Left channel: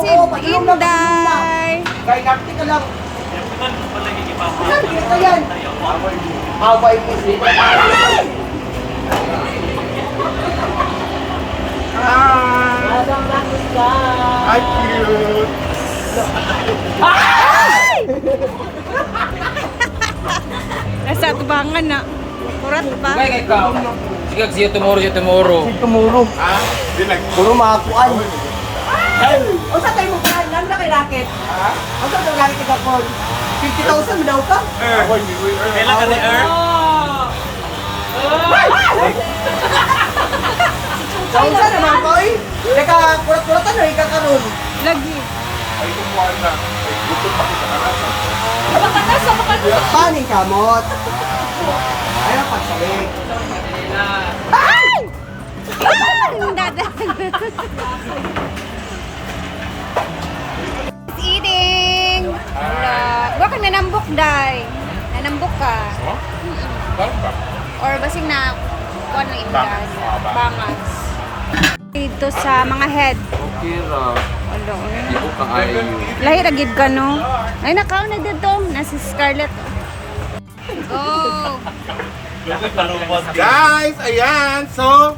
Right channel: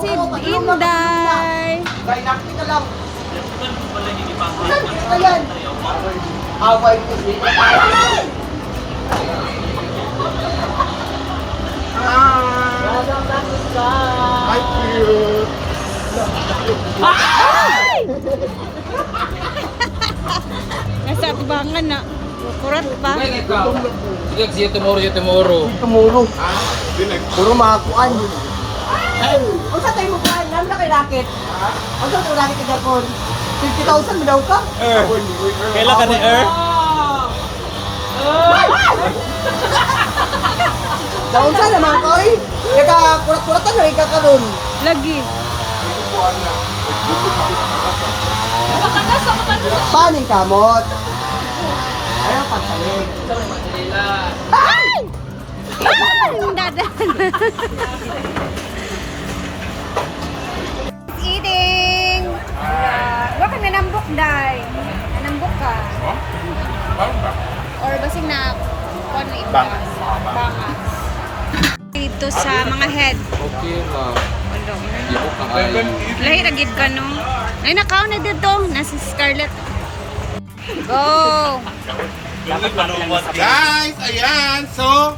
si Inday. Kay Napti ka lang. Ayan. Away po dito. Hi, cute. Nasa tubangan na. Kurat pa. Sige, see you tomorrow. Tumuro. Ha? Dilag. Dulo makakuan. O sa tayo mo kuan, alam na kay racket. O sa tayo racket ka po. 50,000 mo daw ka? Kailan ka ni Earth? Saan na mga koy? Ika kurat-kuratan na ika karon. Lagi. Ay, kukuhan na. Ay, gutom pa kita kakasa. Paning kamot. Ayaw pagsalig. Ay! Ay! Dada. Eating. Wala. Baka nanambok, Day. Nanambok ka. Oh? Parang ba? Or basing na kuha ng imdan. Bangas. Dito sa mga head. Okay ra. Wala. Di ko kaayo. Lahi ragid ka, no? Ay, nakaw na dito. Nasa Scarlett. Oh. Go! Guys, ayan. So,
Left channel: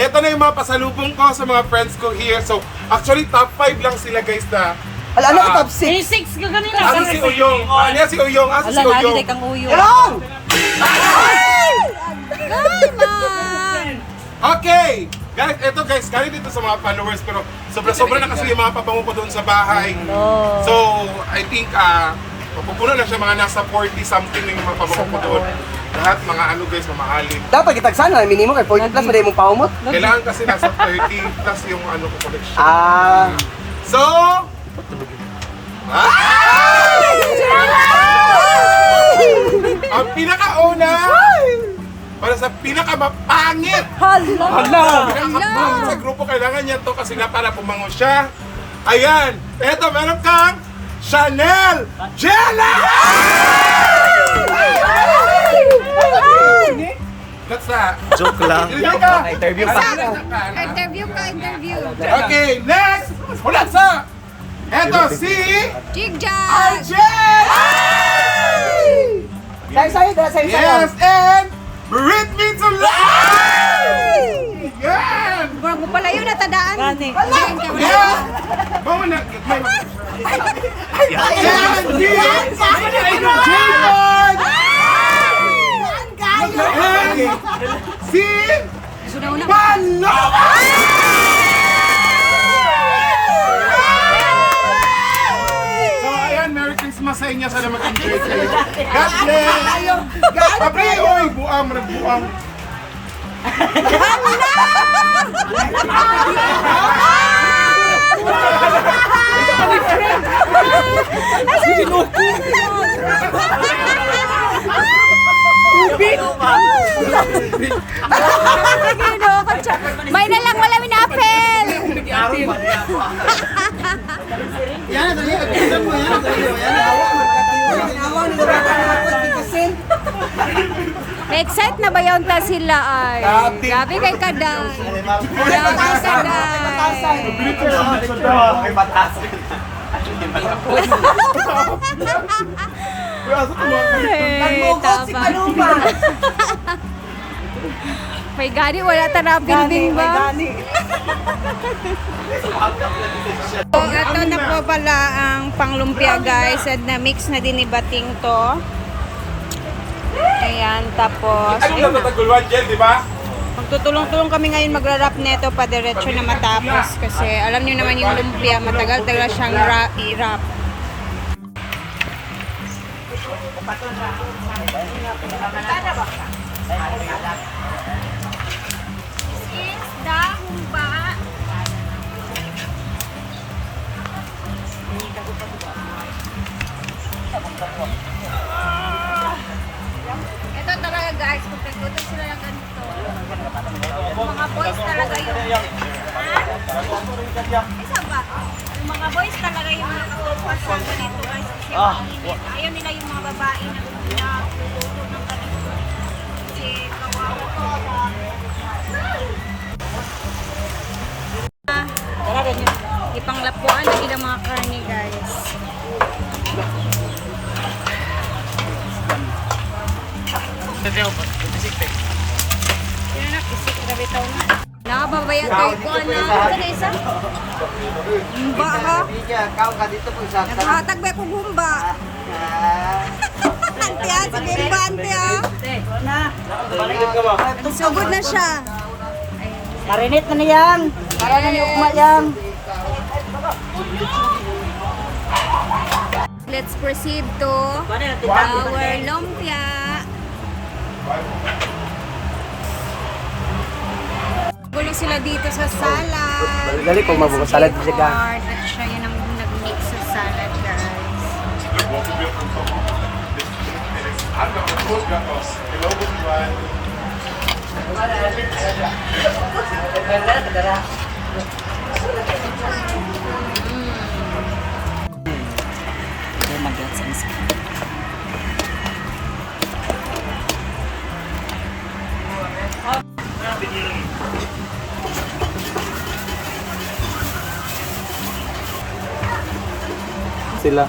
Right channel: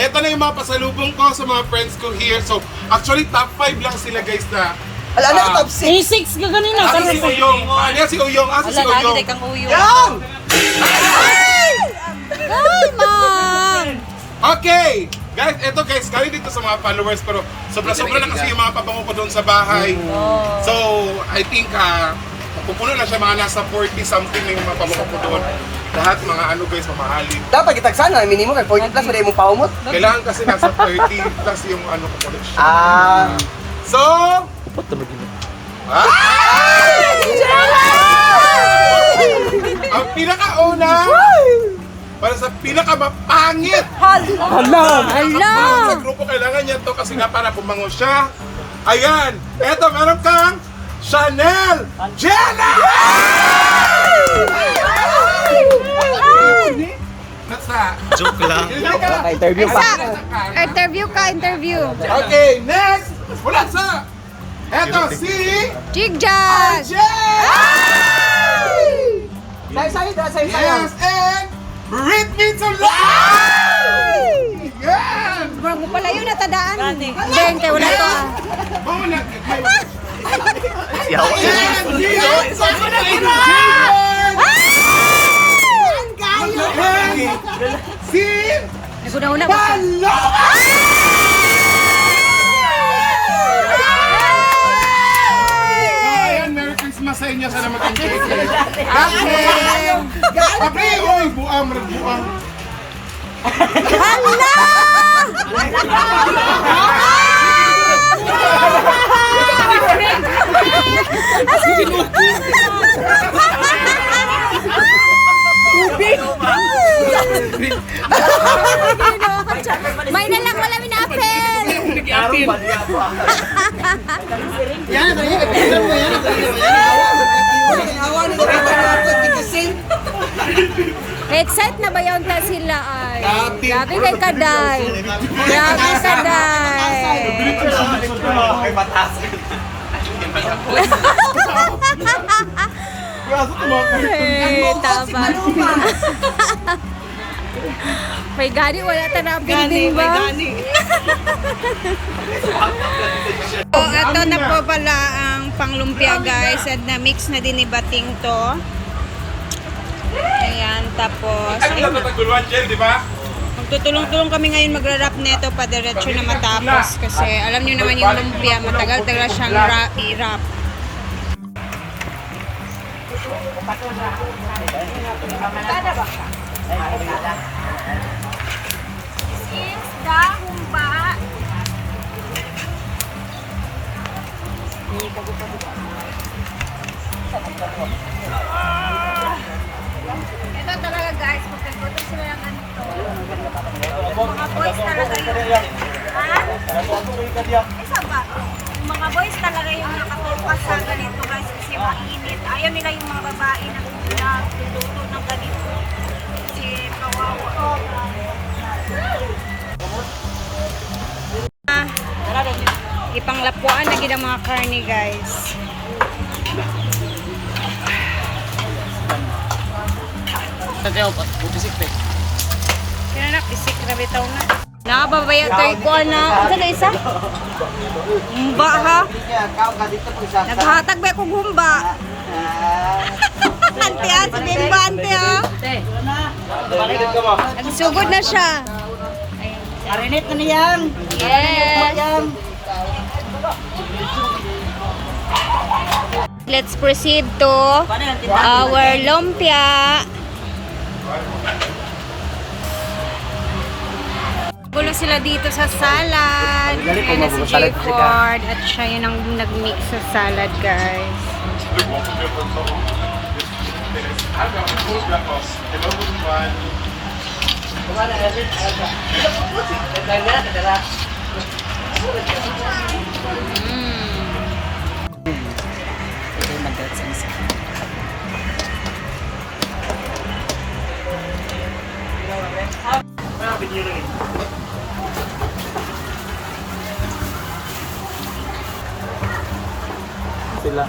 eto na yung mga pasalubong ko sa mga friends ko here. So, actually, top 5 lang sila guys na. Alam na top 6. 6 ka ganina. Asa si Uyong? Ano yan si Uyong? Asa si Uyong? kang uyo. Yan! Ay, ma'am! Okay! Guys, eto guys, galing dito sa mga followers pero sobra-sobra na kasi yung mga pabango ko doon sa bahay. So, I think, mapupuno na siya mga nasa 40 something na yung mga pabango ko doon. Lahat mga ano guys, mamahalin. Dapat kitagsan na, minimum kay 40 plus, pwede mong paumot. Kailangan kasi nasa 30 plus yung ano ko collection. Ah. So, ang pinakauna para sa pinakamapangit Hala! sa grupo, kailangan niya to kasi nga para bumango siya. Ayan, eto meron kang Chanel Jelly! What's that? Joke lang. Interview Isa! Interview ka, interview. Okay, next! Wala sa! Eto si Jigjag! Arjen! Yes, and Brit Me to Life! Yan! Murag mo pala yun natadaan. Deng, kaya wala pa. Bawa na! Yan! Yan! Jacob! Si Naguna-una. Paloma! So ayan, Merry Christmas sa inyo. Sana mag-enjoy kayo. Abre, oy! Buang, buang. Hala! May na lang, wala minapel! Yan, nalimutan mo yan. Excited na ba yun ta sila ay? Grabe kay Kaday. Grabe Kaday. Ay, tama. May gani, wala ta na building ba? So, ito na po pala ang panglumpia guys. At na-mix na din ni Bating to. Ayan, tapos, ayun na. Naguluan dyan, di ba? Magtutulong-tulong kami ngayon magra-wrap neto pa diretso na matapos. Kasi alam niyo naman yung lumpia, matagal talaga siyang i-wrap. Humba. Ito talaga guys, kung pagkutin sila ng ganito, yung mga boys talaga yung, ha? Isa ba? Yung mga boys talaga yung nakatukas sa ganito guys kasi mainit. Ayaw nila yung mga babae na nagluluto ng ganito. Kasi kawawa. Ipanglapuan lagi ng mga karne, guys. Sino na, pisik na bitaw na. Nakababaya tayo ko na. Ano na isa? Humba ha? Naghahatag ba akong humba? Ante ha, si Bimba ante ha. Nagsugod na siya. Rinit na yan. Yes. Let's proceed to our lumpia. Gulo sila dito sa salad. Ayan si J-Ford. At siya yun ang nag-mix sa salad, guys. Sila.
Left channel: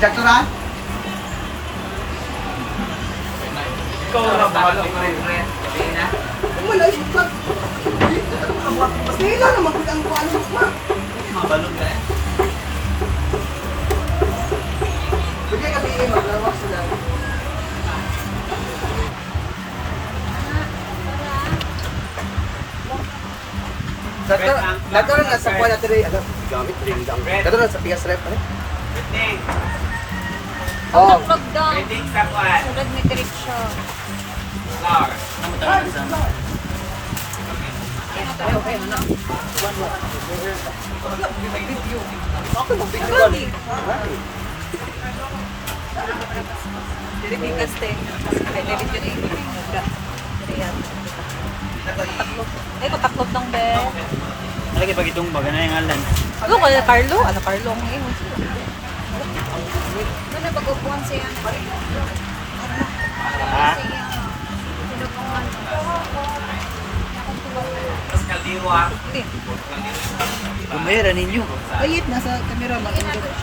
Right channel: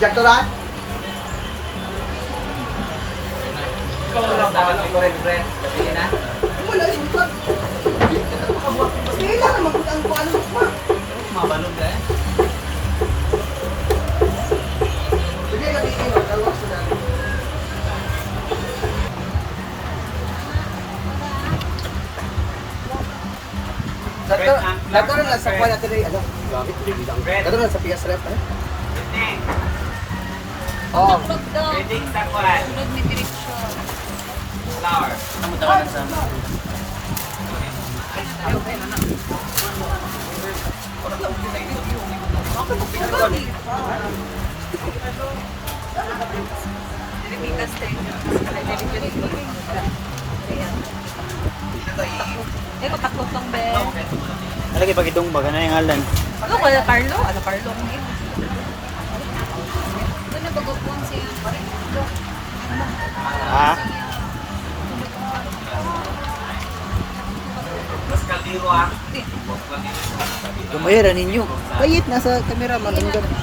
Direktoran? Wala, isukat. Kaya lang naman kung ang kuha ng kuha. Bigay kami ini, maglawak sila. Dato na sa kuha natin rin, gamit rin lang. Dato na sa PS ref, ano? Oh, vlog daw. Reading sa kwan. Vlog ni direction. Flour. Taklot lang, be. Ano di pa itong baga na yung alan? Ano kaya Carlo? Ano Carlo? Ang yun. Ano bagupuan siya? Ha? Mas kaldiro ha? Kumayara ninyo. Bayit nasa kamera man. Ang gano'n.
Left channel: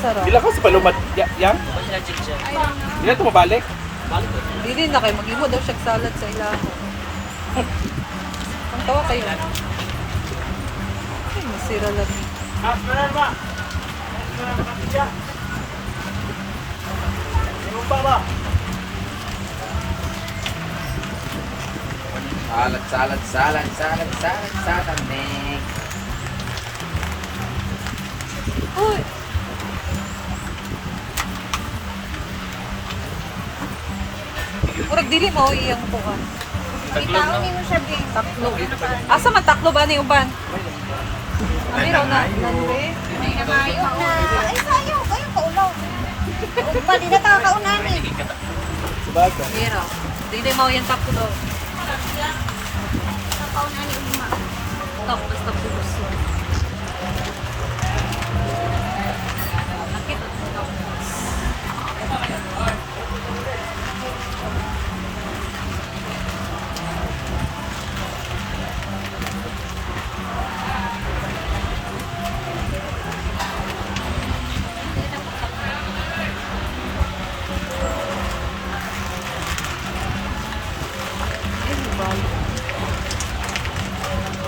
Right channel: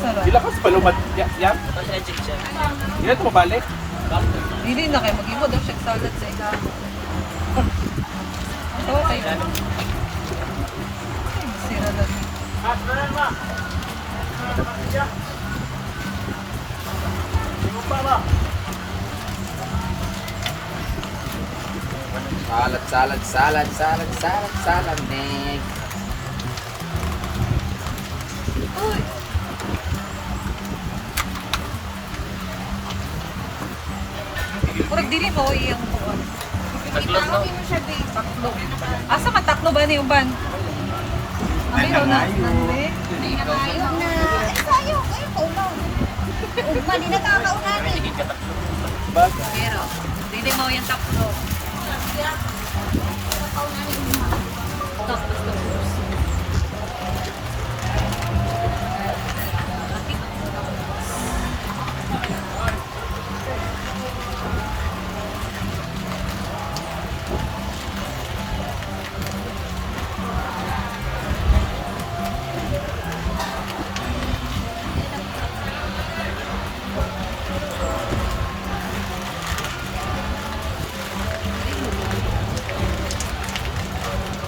Hindi ako sa balumat. Yan? Hindi ito mabalik. Dili na kayo, mag-imo daw siya salad sa ilan. Tawa kayo lang. Ay, masira lang. Salad, Nick. Uy! Kurag dili mo iyang tuwan. Itaawin mo siya, be. Taklo. Asa man taklo ba ni uban? Ayaw na. Ayaw na. Ay, sayo. Kayo kaunaw. Ugma, di na tayo kaunahan eh. Mira. Dili mo yung taklo daw. Kaunahan ni ugma. Tapos tapos.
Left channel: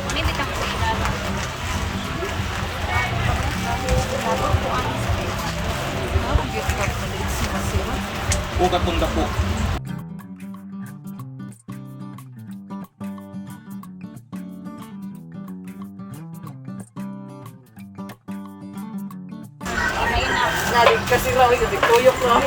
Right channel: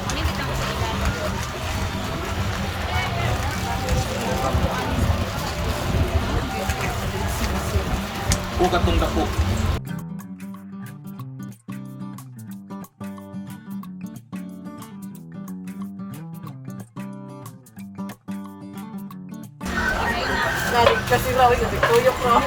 Ano yung bitang sa ilalim? O katong dako. Galing kasi raw, hindi tuyok lang.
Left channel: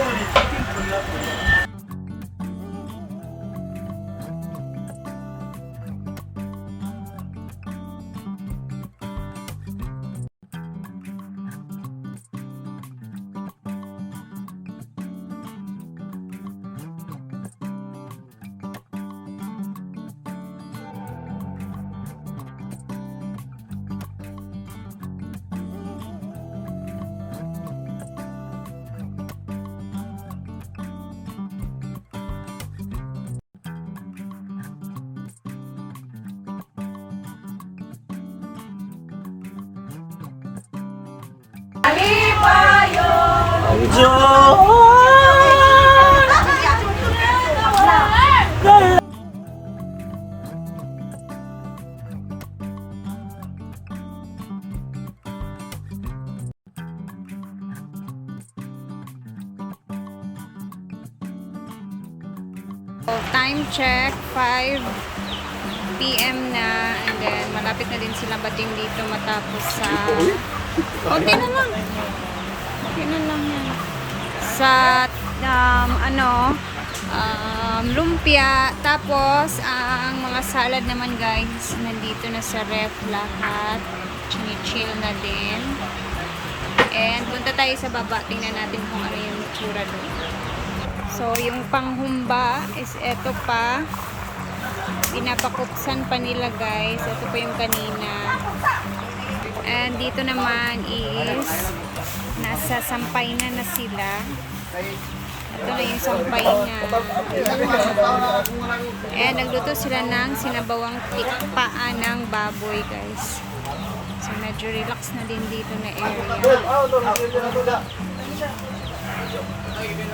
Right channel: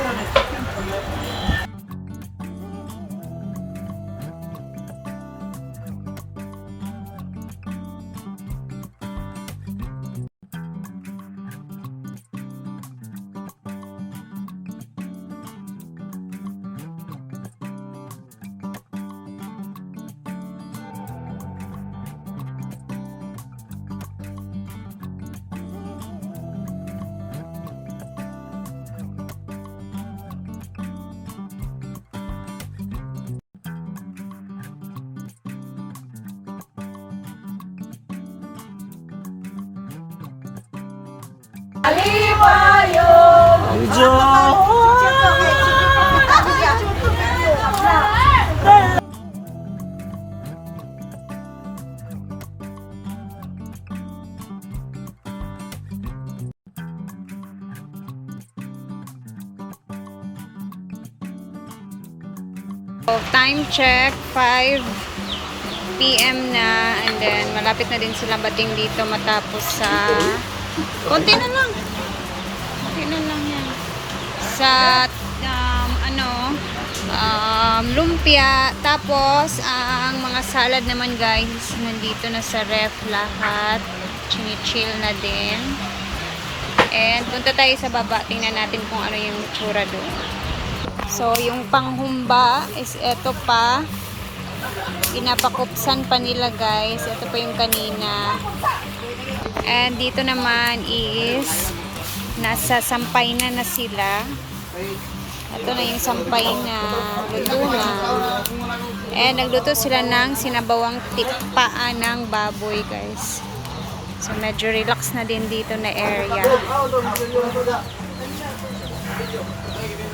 So, time check, 5 PM na, and then malapit na din sila bating dito matapos sa konti na lang yan sa lumpia. Tapos ang mga salad naman guys nandito na sa ref lahat, chinichill na din, and punta tayo sa baba, tingnan natin kung ano yung itsura doon. So, yung panghumba is eto pa. Pinapakupsan pa nila guys. Ito pa yung kanina. And dito naman is nasa sampay na sila. Ito na yung sampay na luto na. And nagluto sila ng sinabawang tikpaan ng baboy guys. So, medyo relax na din dito na area.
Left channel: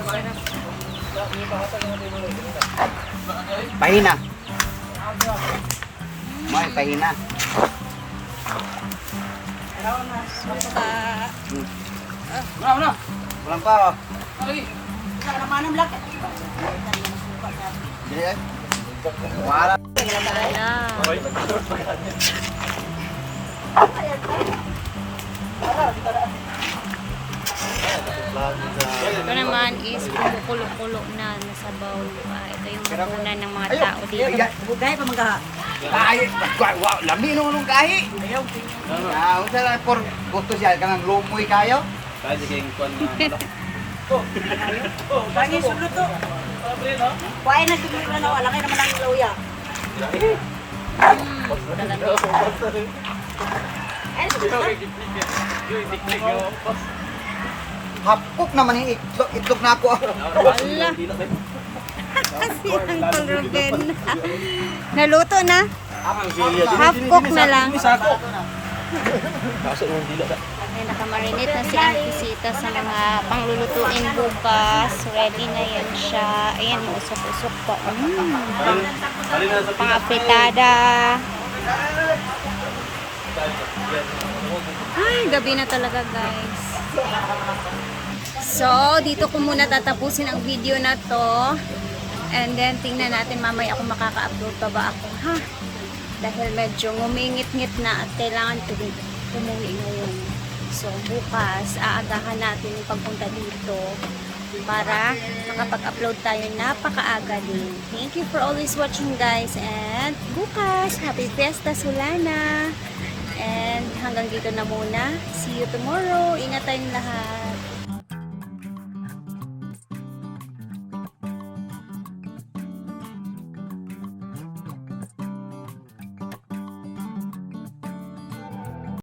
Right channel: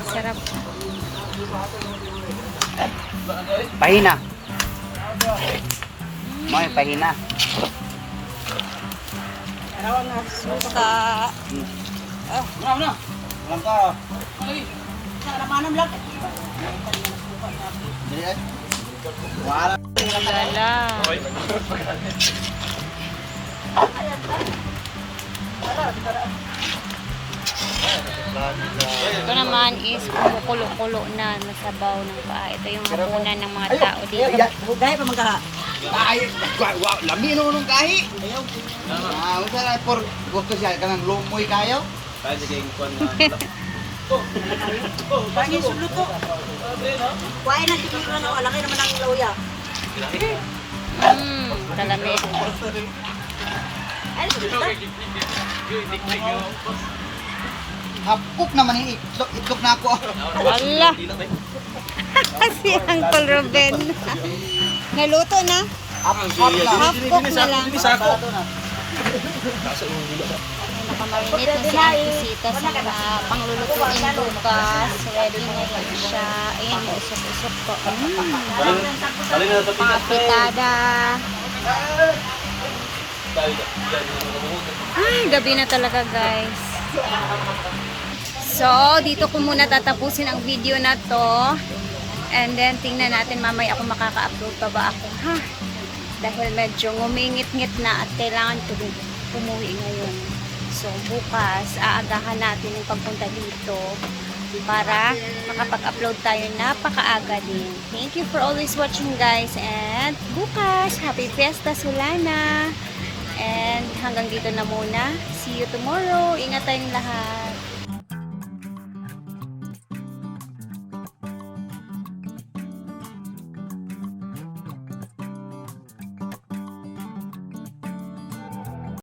Sarap. Pahina. May pahina. Suka. Walang pa. Wala. Lala. Ito naman is kumukulo-kulo na nasabaw ng paa. Ito yung hapunan ng mga tao dito. Gaya pa magkaha. Kahi. Wow, lami nung kahi. Ah, usara por gusto siya kanang lumoy kayo. Lagi sulod to. Kuhain na sulod na wala kayo naman ang lauya. Kalamit. Hapok naman yung itlog na ako. Ala. Si Uncle Ruben. Naluto na. Half cook na lang. Ay, nakamarinate na si Auntie Sita sa mga panglulutuin bukas. Ready na yan siya. Ayan, mausok-usok pa. Pang-apritada. Ay, gabi na talaga guys. So, dito ko muna tatapusin ang video na to. And then, tingnan natin mamaya kung makaka-upload pa ba ako, ha? Dahil medyo ngumingit-ngit na at kailangan umuwi ngayon. So, bukas, aagahan natin yung pagpunta dito para makapag-upload tayo napakaaga din. Thank you for always watching guys. And bukas, happy Fiesta Solana. And hanggang dito na muna. See you tomorrow. Ingat tayong lahat.